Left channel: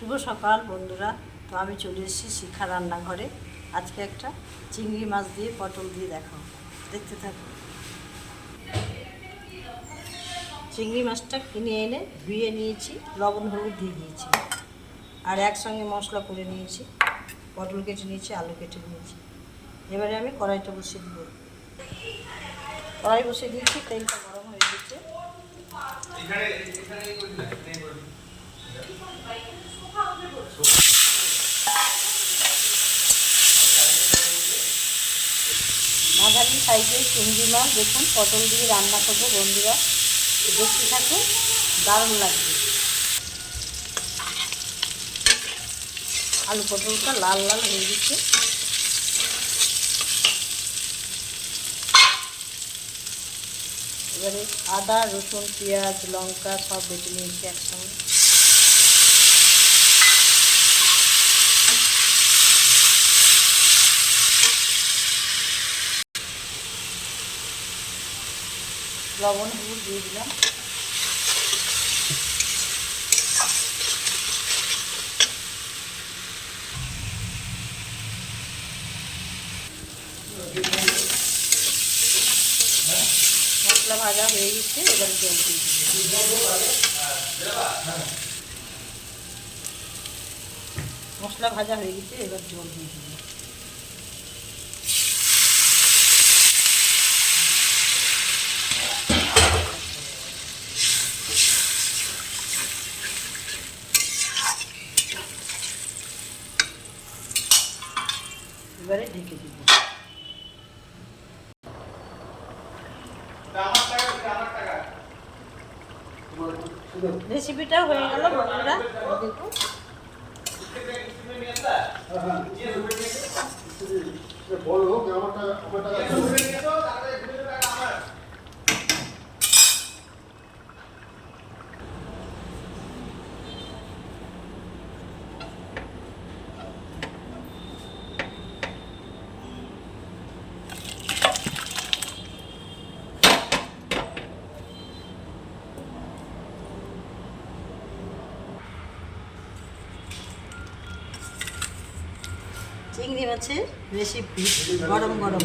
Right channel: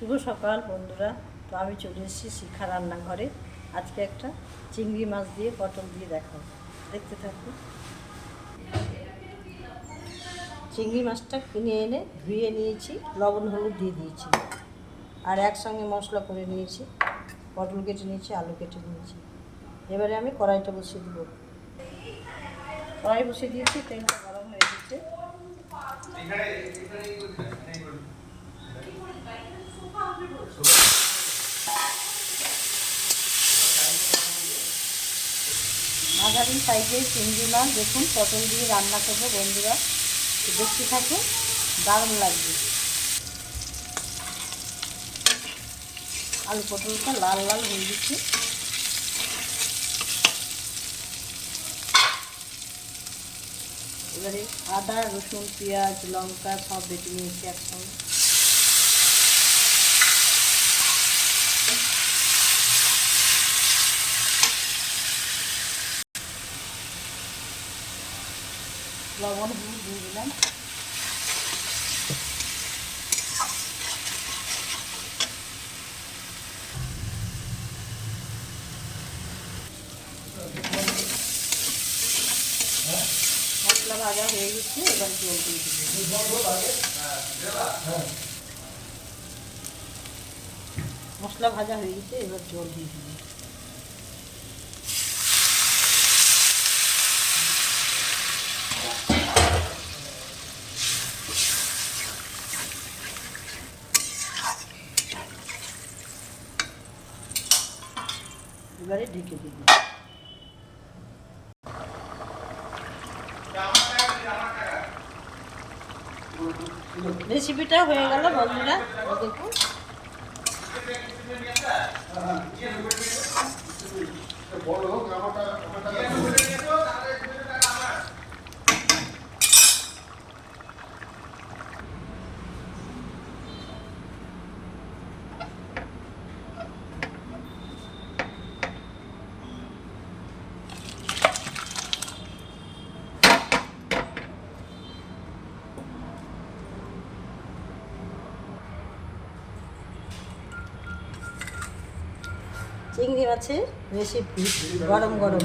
শুভ সকাল বন্ধুরা। তো আমি চলে এসেছি শিখা রান্নাঘরে। আজকে একটা চিংড়ি মাছ দিয়ে পটল দিয়ে দেখো। দেখতে থাকো। চিংড়ি মাছটা কিনে এনে ধুয়ে নিয়েছি, লবণ, হলুদ দিয়ে দিয়েছি। আর একসঙ্গে মশলা করে নিয়েছি। পটল কেটে নিয়েছি, আলু কেটে নিয়েছি। এবারে আমি কড়াইটা বসিয়ে দেবো। কড়াই বসিয়ে দিয়েছি, তেলটা গরম হয়ে গেছে। মাঝারি সাইজের চিংড়ি মাছ দেখুন, পটল দিয়ে রান্না করব বন্ধুরা। দেখতে থাকুন, দারুণ লাগবে। আলু পটলটা লাল লাল হয়ে গেছে। এবারে আদা, রসুন, পেঁয়াজ, লঙ্কা সব বেটে নিয়েছি একসঙ্গে। লবণ, হলুদ দিয়ে দিলাম। মশলা ভাজা হয়ে গেছে, এবার জল দিয়ে দিব মশলা ভাজা হয়ে গেছে, এবার জল দিয়ে দিব এবারে ঢেকে দিব। রেসিপিটা হয়ে গেল বন্ধুরা দেখুন। চিংড়ি মাছের রেসিপি গরম গরম।